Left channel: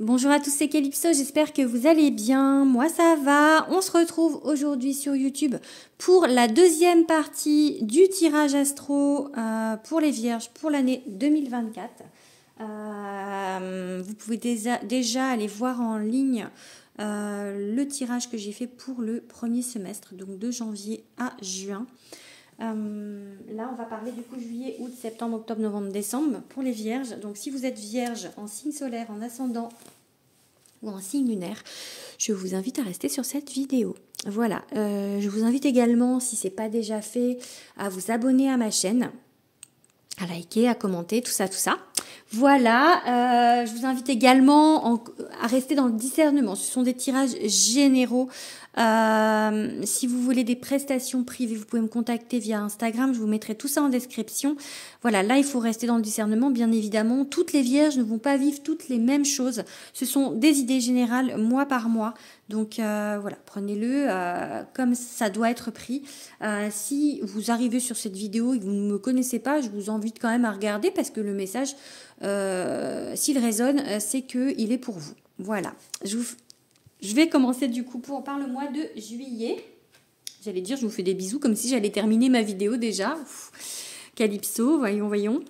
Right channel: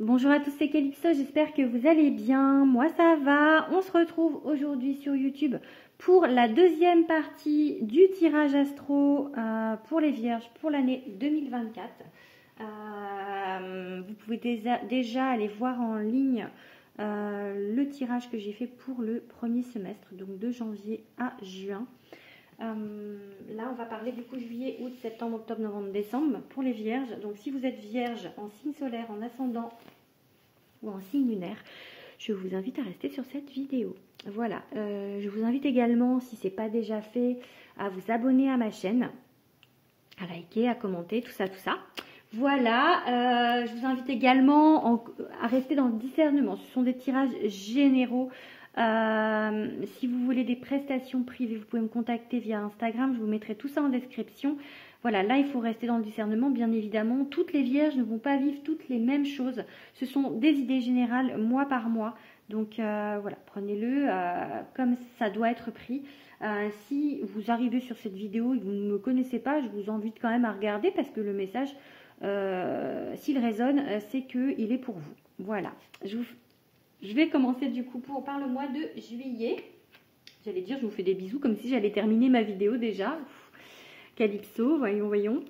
Bonjour à tous, c'est Calypso, j'espère que vous allez bien. Moi ça va. On se retrouve aujourd'hui sur YouTube pour la deuxième partie du tirage astro pour les vierges pour l'année 2024. Vous pouvez déjà aller voir en ligne le tirage que j'ai fait pour le premier semestre, donc de janvier à juin. Là, on va parler du coup juillet, août, septembre, octobre, novembre, décembre pour les vierges. Donc, si vous êtes vierge en signe solaire, en ascendant ou en signe lunaire, je vous invite à rester sur cette vidéo. Voilà, je vous invite également, si ce n'est pas déjà fait, à vous abonner à ma chaîne, à liker, à commenter, tout ça, tout ça. Voilà, je vous invite également à rester dans le discernement. Ce sont des tirages généraux. Si vous voulez des prestations privées, vous pouvez me contacter via Instagram. Je vous mettrai tout ça en description. Voilà, là, il faut rester dans le discernement, bien évidemment. Toutes les vierges ne vont pas vivre toutes les mêmes choses. Ce sont des idées générales, mois par mois. Donc voilà, prenez-le comme ça doit être pris. Si vous arrivez sur cette vidéo et que vous ne me connaissez pas, je vous invite quand même à regarder parce que le message, s'il résonne, c'est qu'il est pour vous. Voilà, je vais commencer du coup par le mois de juillet. J'allais dire, je vous fais des bisous comme si j'allais terminer ma vidéo déjà. Calypso, voyons, voyons.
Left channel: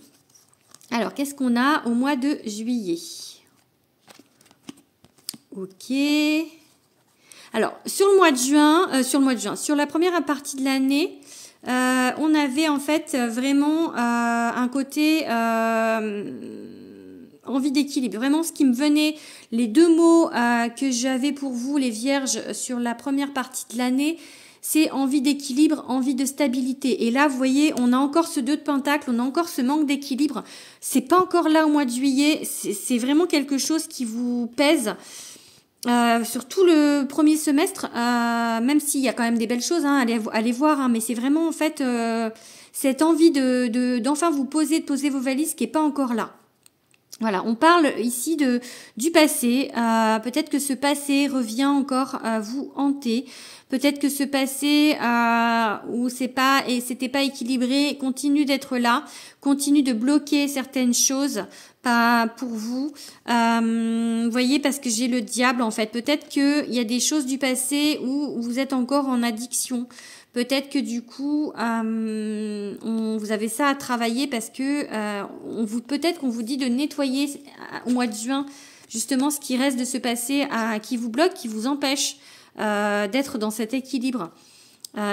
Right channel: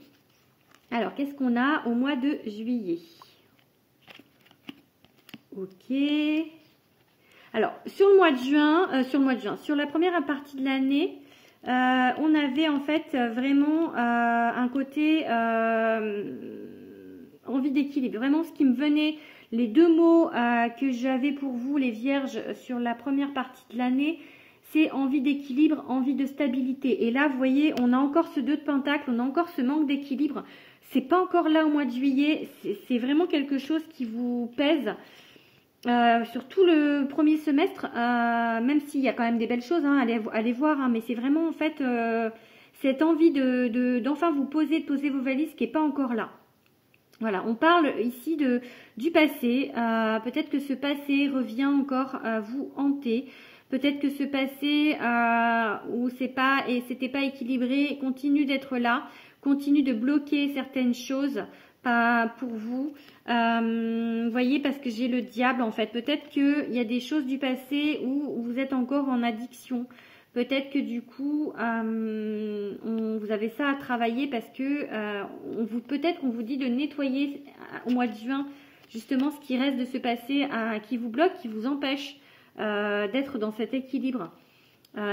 Alors, qu'est-ce qu'on a au mois de juillet? Ok. Alors, sur le mois de juin, sur la première partie de l'année, on avait en fait vraiment un côté envie d'équilibre. Vraiment, ce qui me venait, les deux mots que j'avais pour vous, les vierges, sur la première partie de l'année, c'est envie d'équilibre, envie de stabilité. Et là, vous voyez, on a encore ce 2 de pentacle, on a encore ce manque d'équilibre. C'est pas encore là au mois de juillet, c'est vraiment quelque chose qui vous pèse. Sur tout le premier semestre, même s'il y a quand même des belles choses, hein, allez voir, hein, mais c'est vraiment en fait cette envie d'enfin vous poser, de poser vos valises qui n'est pas encore là. Voilà, on parle ici du passé. Peut-être que ce passé revient encore à vous hanter. Peut-être que ce passé où c'était pas équilibré continue d'être là, continue de bloquer certaines choses pas pour vous. Voyez, parce que j'ai le diable en fait. Peut-être qu'il y a des choses du passé où vous êtes encore en addiction. Peut-être que du coup, vous avez ça à travailler parce que peut-être qu'on vous dit de nettoyer au mois de juin justement ce qui reste de ce passé qui vous bloque, qui vous empêche d'être dans cet équilibre.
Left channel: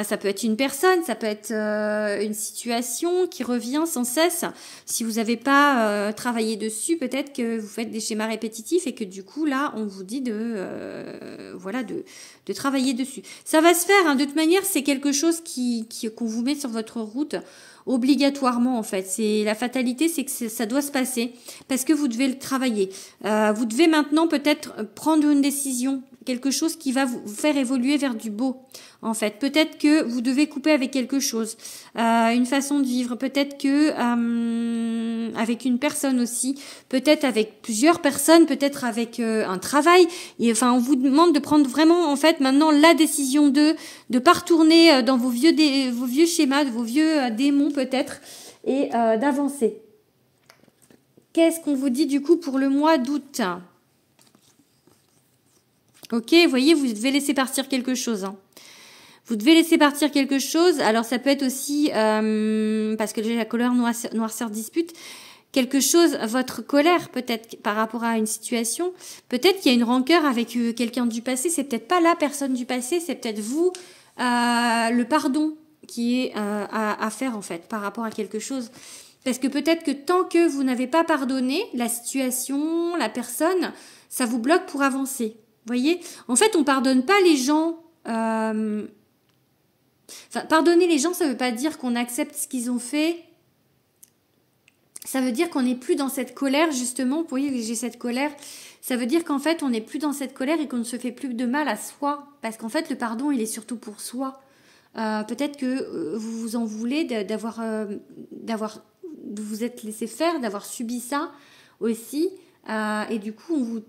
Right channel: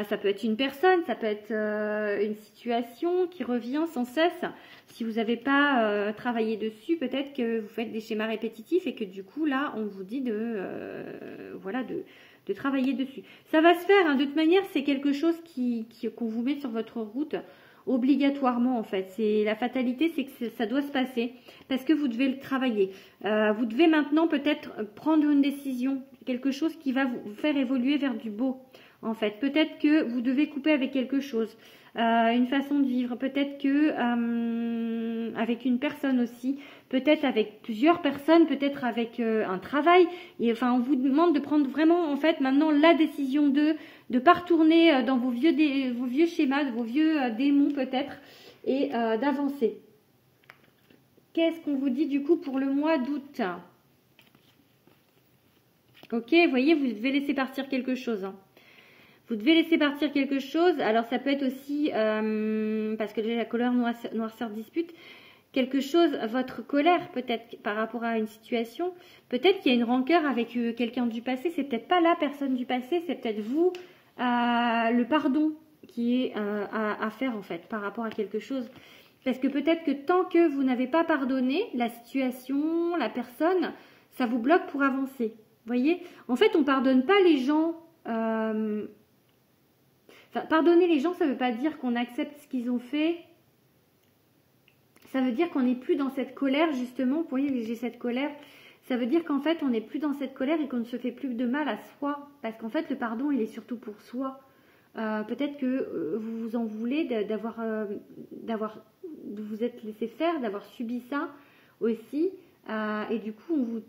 Ça peut être une personne, ça peut être une situation qui revient sans cesse. Si vous n'avez pas travaillé dessus, peut-être que vous faites des schémas répétitifs et que du coup, là, on vous dit de travailler dessus. Ça va se faire, hein. De toute manière, c'est quelque chose qu'on vous met sur votre route obligatoirement en fait. C'est la fatalité, c'est que ça doit se passer parce que vous devez le travailler. Vous devez maintenant peut-être prendre une décision, quelque chose qui va vous faire évoluer vers du beau. En fait, peut-être que vous devez couper avec quelque chose, une façon de vivre, peut-être que avec une personne aussi, peut-être avec plusieurs personnes, peut-être avec un travail. Et, enfin, on vous demande de prendre vraiment, en fait, maintenant la décision de pas retourner dans vos vieux schémas, de vos vieux démons peut-être, et d'avancer. Qu'est-ce qu'on vous dit du coup pour le mois d'août? Ok, vous voyez, vous devez laisser partir quelque chose. Hein. Vous devez laisser partir quelque chose. Alors, ça peut être aussi, parce que j'ai la couleur noirceur dispute, quelque chose, votre colère peut-être par rapport à une situation. Peut-être qu'il y a une rancœur avec quelqu'un du passé. C'est peut-être pas la personne du passé, c'est peut-être vous, le pardon qui est à faire en fait par rapport à quelque chose. Parce que peut-être que tant que vous n'avez pas pardonné la situation, la personne, ça vous bloque pour avancer. Vous voyez? En fait, on pardonne pas les gens... Enfin, pardonner les gens, ça ne veut pas dire qu'on accepte ce qu'ils ont fait. Ça veut dire qu'on n'est plus dans cette colère, justement. Vous voyez, j'ai cette colère. Ça veut dire qu'en fait, on n'est plus dans cette colère et qu'on ne se fait plus de mal à soi. Parce qu'en fait, le pardon, il est surtout pour soi. Peut-être que vous vous en voulez de vous être laissé faire, d'avoir subi ça aussi. Et du coup,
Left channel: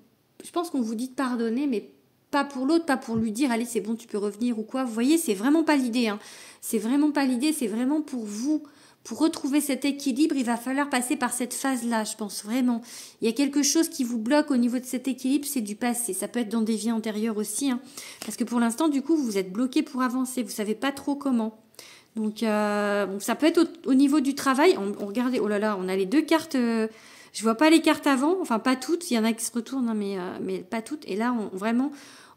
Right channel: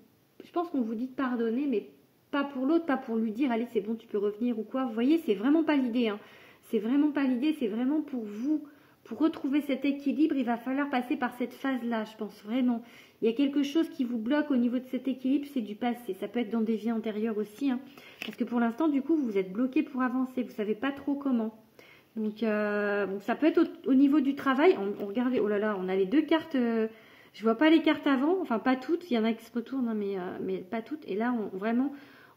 je pense qu'on vous dit de pardonner, mais pas pour l'autre, pas pour lui dire allez c'est bon tu peux revenir ou quoi. Vous voyez, c'est vraiment pas l'idée. Hein. C'est vraiment pas l'idée, c'est vraiment pour vous, Pour retrouver cet équilibre, il va falloir passer par cette phase-là, je pense vraiment. Il y a quelque chose qui vous bloque au niveau de cet équilibre, c'est du passé. Ça peut être dans des vies antérieures aussi, hein, parce que pour l'instant, du coup, vous êtes bloqué pour avancer. Vous savez pas trop comment. Donc, ça peut être au niveau du travail. On regardez, oh là là, on a les deux cartes. Je vois pas les cartes avant, enfin pas toutes. Il y en a qui se retournent, hein, mais pas toutes. Et là,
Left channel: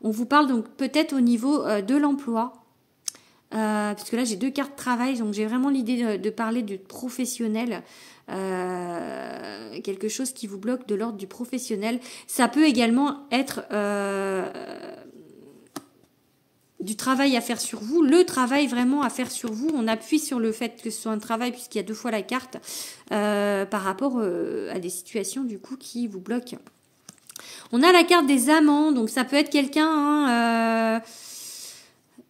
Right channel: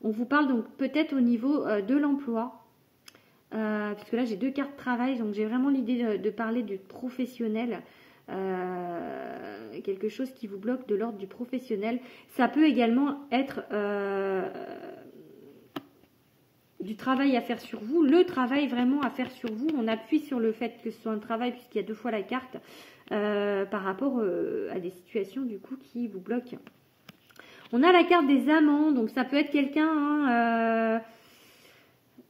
on vous parle donc peut-être au niveau de l'emploi. Parce que là j'ai deux cartes travail, donc j'ai vraiment l'idée de parler du professionnel, quelque chose qui vous bloque de l'ordre du professionnel. Ça peut également être du travail à faire sur vous, le travail vraiment à faire sur vous. On appuie sur le fait que ce soit un travail puisqu'il y a deux fois la carte par rapport à des situations du coup qui vous bloquent. On a la carte des amants, donc ça peut être quelqu'un... hein,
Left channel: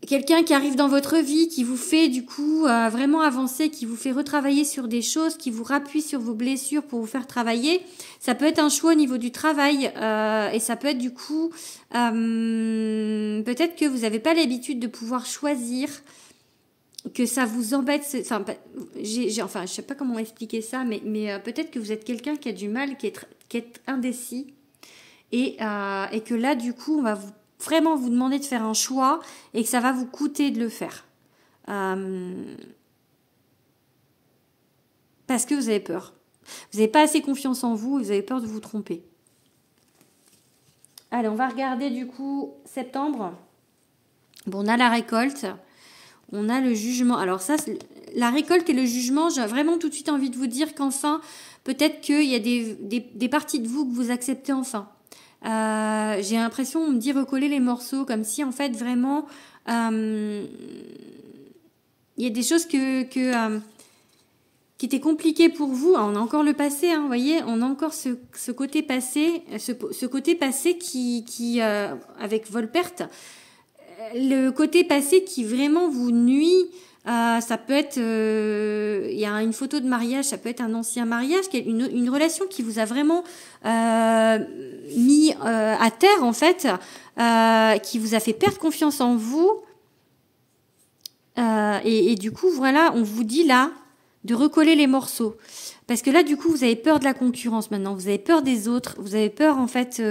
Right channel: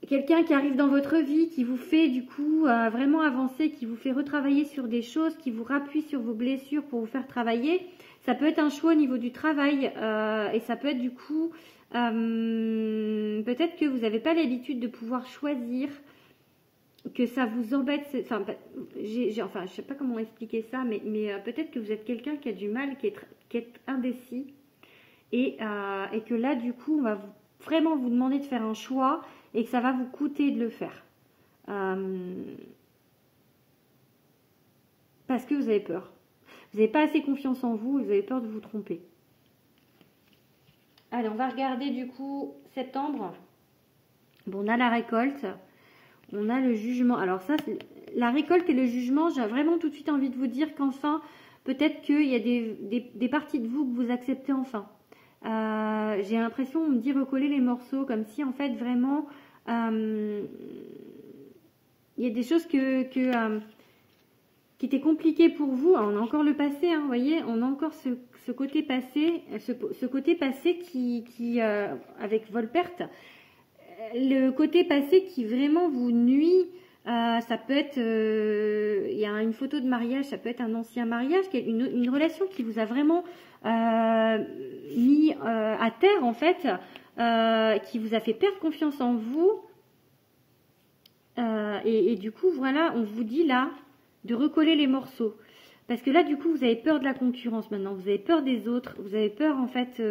quelqu'un qui arrive dans votre vie, qui vous fait du coup vraiment avancer, qui vous fait retravailler sur des choses, qui vous rappuie sur vos blessures pour vous faire travailler. Ça peut être un choix au niveau du travail et ça peut être du coup peut-être que vous n'avez pas l'habitude de pouvoir choisir, que ça vous embête. Enfin, je sais pas comment expliquer ça, mais peut-être que vous êtes quelqu'un qui a du mal, qui est indécis et que là du coup on va vraiment vous demander de faire un choix et que ça va vous coûter de le faire. Parce que vous avez peur. Vous n'avez pas assez confiance en vous et vous avez peur de vous tromper. Allez, on va regarder du coup septembre. Bon, on a la récolte. On a le jugement. Alors ça, la récolte et le jugement, j'ai vraiment tout de suite envie de vous dire qu'enfin, peut-être qu'il y a des parties de vous que vous acceptez enfin. J'ai l'impression, on me dit recoller les morceaux, comme si en fait vraiment il y a des choses qui étaient compliquées pour vous. Alors, on a encore le passé, hein, vous voyez, on a encore ce côté passé, ce côté passé qui avec Volperte, le côté passé qui vraiment vous nuit. Ça peut être, il y a une photo de mariage, ça peut être un ancien mariage, une relation qui vous a vraiment mis à terre en fait, qui vous a fait perdre confiance en vous. Et du coup, voilà, on vous dit là de recoller les morceaux. Parce que là, du coup, vous avez peur de la concurrence maintenant, vous avez peur des autres, vous avez peur en fait...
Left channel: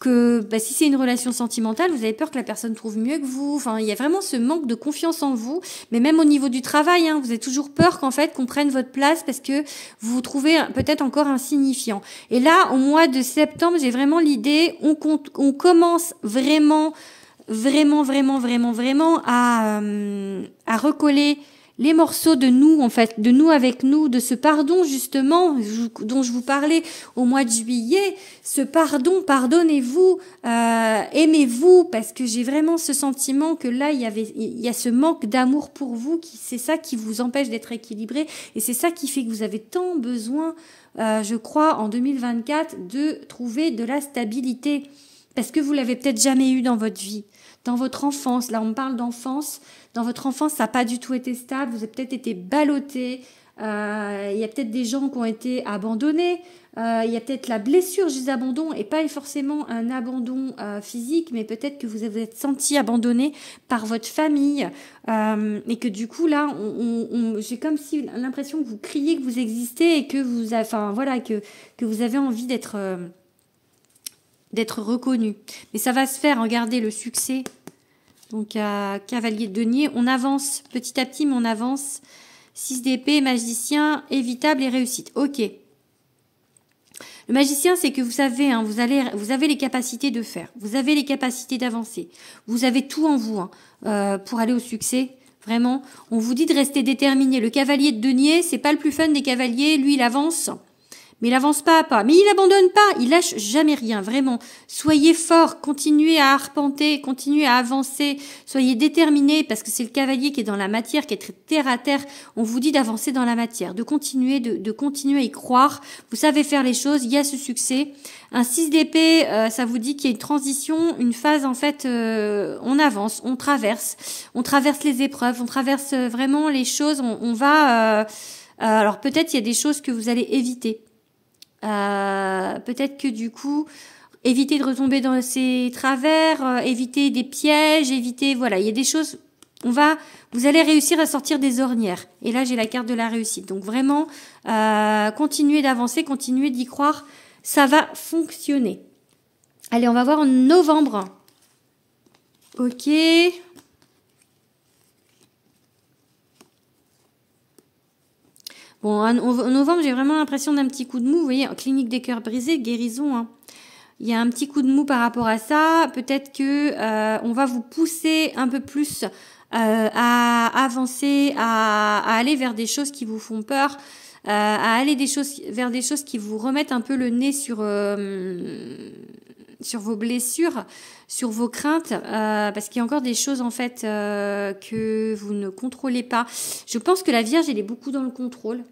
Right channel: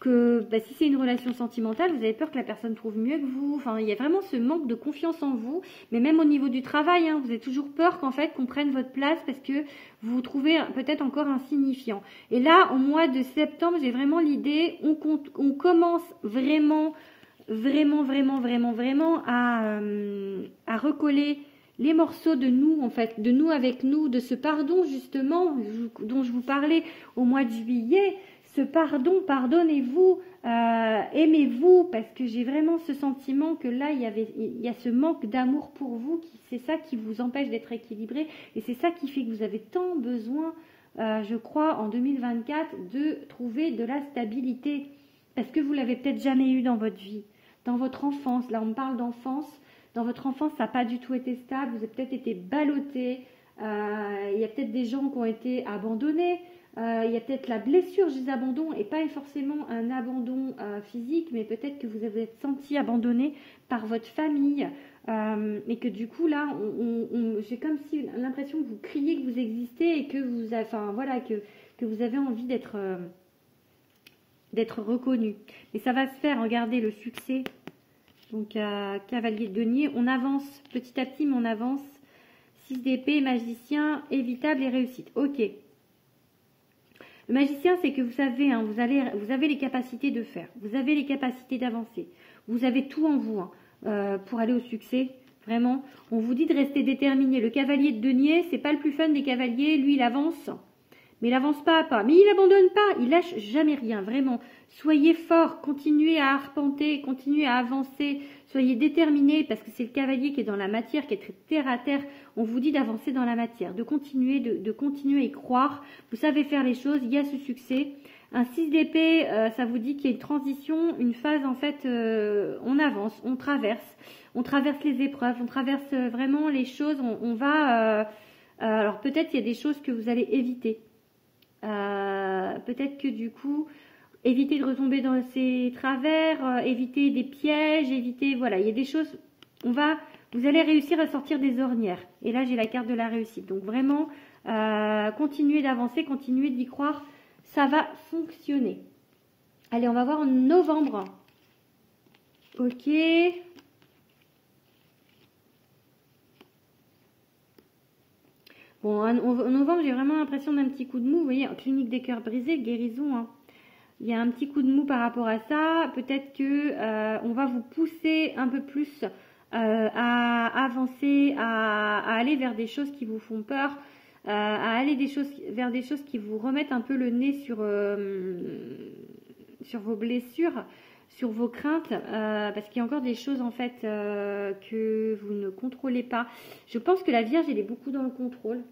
que si c'est une relation sentimentale, vous avez peur que la personne trouve mieux que vous. Enfin, il y a vraiment ce manque de confiance en vous. Mais même au niveau du travail, hein, vous avez toujours peur qu'en fait qu'on prenne votre place parce que vous vous trouvez peut-être encore insignifiant. Et là, au mois de septembre, j'ai vraiment l'idée, on commence vraiment à recoller les morceaux de nous, en fait, de nous avec nous, de ce pardon, justement, dont je vous parlais au mois de juillet. Ce pardon, pardonnez-vous, aimez-vous, parce que j'ai vraiment ce sentiment que là, il y a ce manque d'amour pour vous, c'est ça qui vous empêche d'être équilibré, et c'est ça qui fait que vous avez tant besoin, je crois, en 2024, de trouver de la stabilité, parce que vous l'avez peut-être jamais eu dans votre vie, dans votre enfance. Là, on parle d'enfance. Dans votre enfance, ça n'a pas du tout été stable. Vous avez peut-être été ballotté. Il y a peut-être des gens qui ont été abandonnés. Il y a peut-être la blessure juste d'abandon et pas forcément un abandon physique, mais peut-être que vous avez senti abandonné par votre famille et que du coup là, j'ai comme si l'impression que vous criez que vous existez et que vous, que vous avez envie d'être reconnu. Mais ça va se faire. Regardez le succès. Donc, cavalier de denier, on avance petit à petit, mais on avance. 6 d'épée, magicien, évitable et réussite. Ok. Le magicien, c'est que vous savez, hein, vous avez les capacités de faire. Vous avez les capacités d'avancer. Vous avez tout en vous pour aller au succès. Vraiment, on vous dit de rester déterminé. Le cavalier de denier, c'est pas le plus fun des cavaliers. Lui, il avance. Mais il avance pas à pas. Mais il abandonne pas. Il lâche jamais rien. Vraiment. Soyez fort. Continuez à arpenter. Continuez à avancer. Soyez déterminés parce que c'est le cavalier qui est dans la matière, qui est très terre à terre. On vous dit d'avancer dans la matière, de continuer, de continuer à y croire. Vous savez faire les choses. Il y a ce succès. Un 6 d'épée, ça vous dit qu'il y a une transition, une phase en fait, on avance, on traverse les épreuves, on traverse vraiment les choses. On va. Alors peut-être il y a des choses que vous allez éviter. Peut-être que du coup, éviter de retomber dans ces travers, éviter des pièges, éviter, voilà, il y a des choses vous allez réussir à sortir des ornières. Et là, j'ai la carte de la réussite. Donc vraiment, continuez d'avancer, continuez d'y croire. Ça va fonctionner. Allez, on va voir en novembre. Ok. Bon, en novembre, j'ai vraiment l'impression d'un petit coup de mou. Vous voyez, clinique des cœurs brisés, guérison. Hein. Il y a un petit coup de mou par rapport à ça. Peut-être que on va vous pousser un peu plus à avancer, à aller vers des choses qui vous font peur, à aller vers des choses qui vous remettent un peu le nez sur vos blessures, sur vos craintes, parce qu'il y a encore des choses en fait que vous ne contrôlez pas. Je pense que la Vierge, elle est beaucoup dans le contrôle.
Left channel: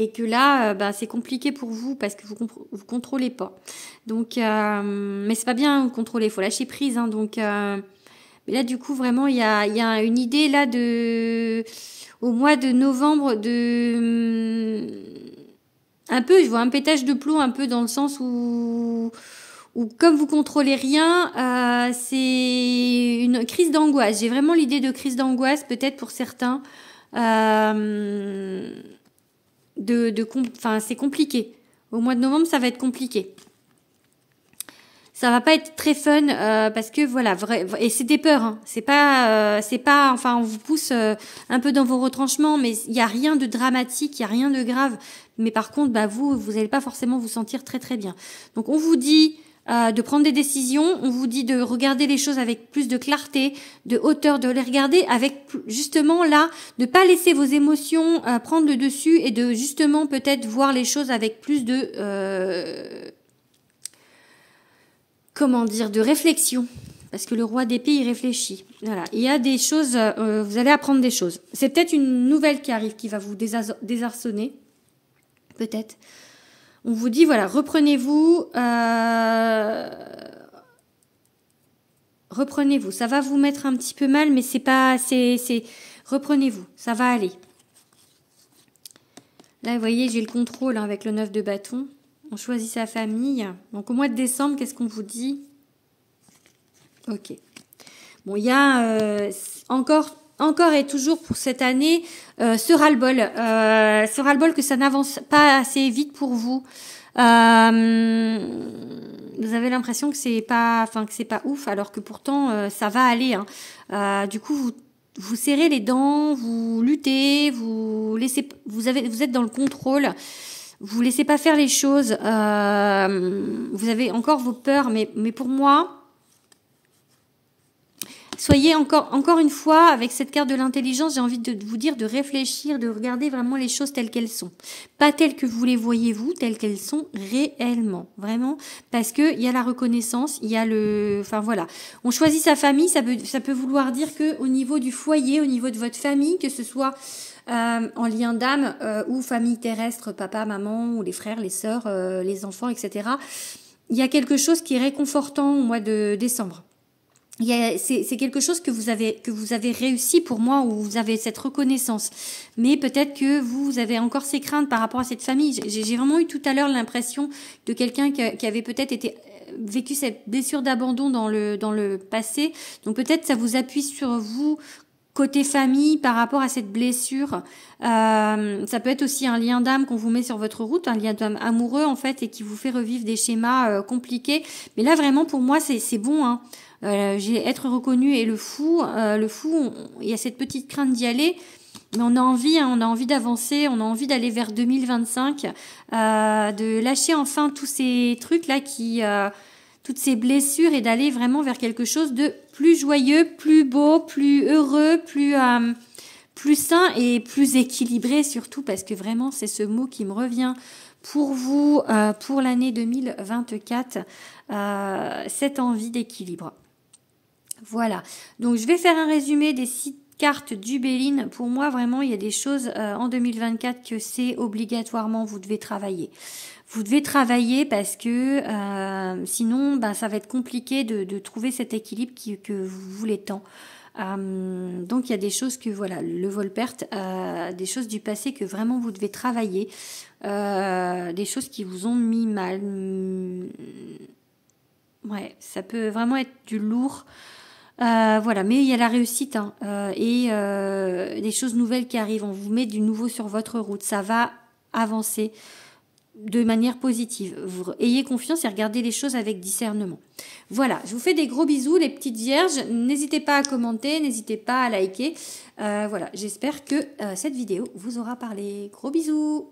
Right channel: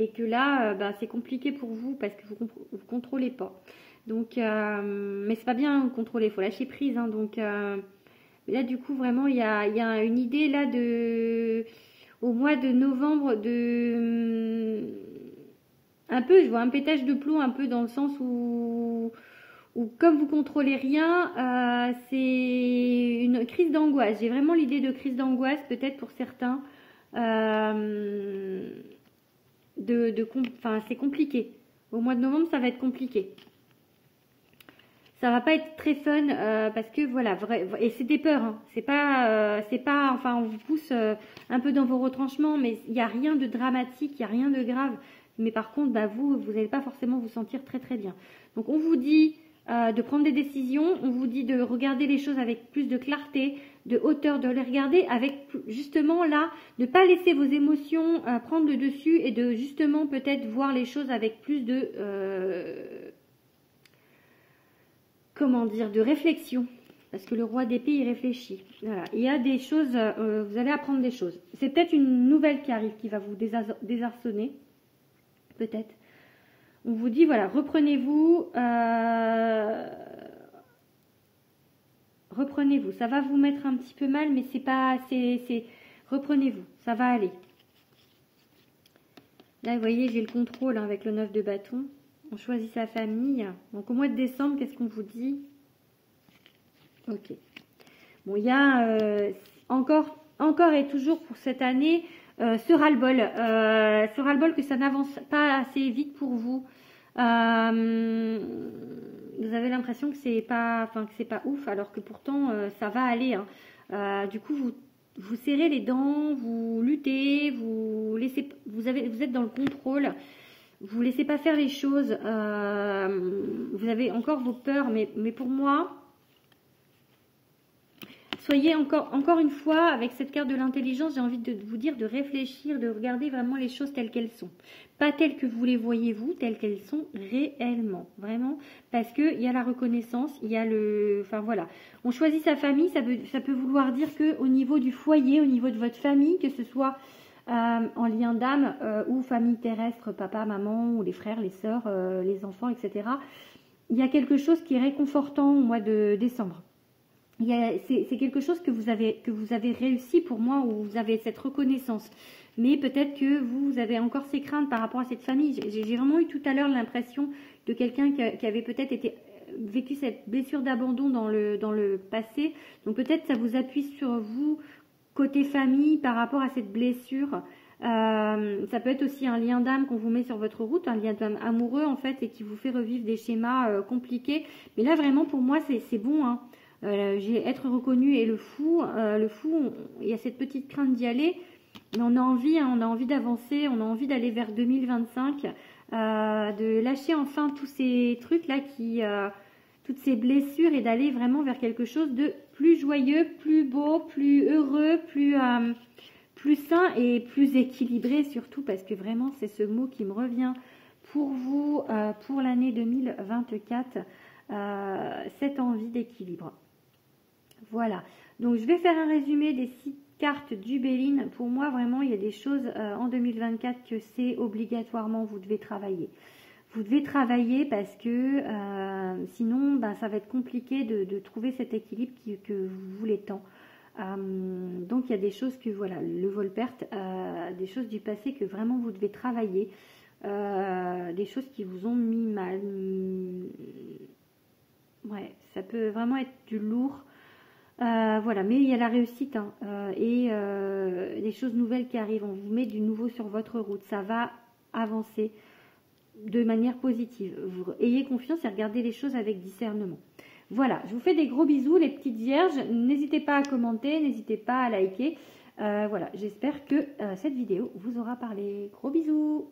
Et que là, c'est compliqué pour vous parce que vous contrôlez pas. Donc, mais c'est pas bien de contrôler, il faut lâcher prise. Hein, donc, mais là, du coup, vraiment, il y a une idée là au mois de novembre un peu, je vois un pétage de plomb un peu dans le sens où comme vous contrôlez rien, c'est une crise d'angoisse. J'ai vraiment l'idée de crise d'angoisse, peut-être pour certains. C'est compliqué. Au mois de novembre, ça va être compliqué. Ça va pas être très fun parce que voilà, et c'est des peurs. Hein. C'est pas, enfin, on vous pousse un peu dans vos retranchements, mais il y a rien de dramatique, il y a rien de grave. Mais par contre, vous allez pas forcément vous sentir très très bien. Donc on vous dit de prendre des décisions, on vous dit de regarder les choses avec plus de clarté, de hauteur, de les regarder avec justement là, de pas laisser vos émotions prendre le dessus et de justement peut-être voir les choses avec plus de de réflexion. Parce que le roi d'épée, il réfléchit. Voilà. Il y a des choses, vous allez apprendre des choses. C'est peut-être une nouvelle qui arrive, qui va vous désarçonner. Peut-être. On vous dit, voilà, reprenez-vous. Reprenez-vous. Ça va vous mettre un petit peu mal, mais c'est pas... reprenez-vous. Ça va aller. Là, vous voyez, j'ai le contrôle hein, avec le 9 de bâton. On choisit sa famille. Donc, au mois de décembre, qu'est-ce qu'on vous dit? Ok. Bon, il y a encore et toujours pour cette année ce ras-le-bol que ça n'avance pas assez vite pour vous. Vous avez l'impression que c'est pas ouf, alors que pourtant ça va aller. Hein. Du coup, vous serrez les dents, vous luttez, vous êtes dans le contrôle. Vous laissez pas faire les choses. Vous avez encore vos peurs, mais pour moi. Soyez encore une fois, avec cette carte de l'intelligence, j'ai envie de vous dire de réfléchir, de regarder vraiment les choses telles qu'elles sont. Pas telles que vous les voyez vous, telles qu'elles sont réellement. Vraiment, parce qu'il y a la reconnaissance, il y a le... Enfin voilà, on choisit sa famille, ça peut vouloir dire qu'au niveau du foyer, au niveau de votre famille, que ce soit en lien d'âme ou famille terrestre, papa, maman, ou les frères, les sœurs, les enfants, etc. Il y a quelque chose qui est réconfortant au mois de décembre. C'est quelque chose que vous avez réussi pour moi, où vous avez cette reconnaissance. Mais peut-être que vous avez encore ces craintes par rapport à cette famille. J'ai vraiment eu tout à l'heure l'impression de quelqu'un qui avait peut-être vécu cette blessure d'abandon dans le passé. Donc peut-être ça vous appuie sur vous côté famille par rapport à cette blessure. Ça peut être aussi un lien d'âme qu'on vous met sur votre route, un lien d'âme amoureux en fait, et qui vous fait revivre des schémas compliqués. Mais là vraiment pour moi c'est bon. Hein. J'ai être reconnu et le fou, il y a cette petite crainte d'y aller, mais on a envie d'avancer, on a envie d'aller vers 2025, de lâcher enfin tous ces trucs là toutes ces blessures et d'aller vraiment vers quelque chose de plus joyeux, plus beau, plus heureux, plus sain et plus équilibré surtout, parce que vraiment c'est ce mot qui me revient pour vous, pour l'année 2024, cette envie d'équilibre. Voilà, donc je vais faire un résumé des 6 cartes du Béline. Pour moi, vraiment, il y a des choses en 2024 que c'est obligatoirement, vous devez travailler. Vous devez travailler parce que sinon, ça va être compliqué de trouver cet équilibre que vous voulez tant. Donc, il y a des choses que, voilà, le vol-perte, des choses du passé que vraiment vous devez travailler. Des choses qui vous ont mis mal. Ouais, ça peut vraiment être du lourd. Voilà, mais il y a la réussite hein, et des choses nouvelles qui arrivent. On vous met du nouveau sur votre route. Ça va avancer de manière positive. Vous ayez confiance et regardez les choses avec discernement. Voilà, je vous fais des gros bisous les petites vierges. N'hésitez pas à commenter, n'hésitez pas à liker. Voilà, j'espère que cette vidéo vous aura parlé. Gros bisous.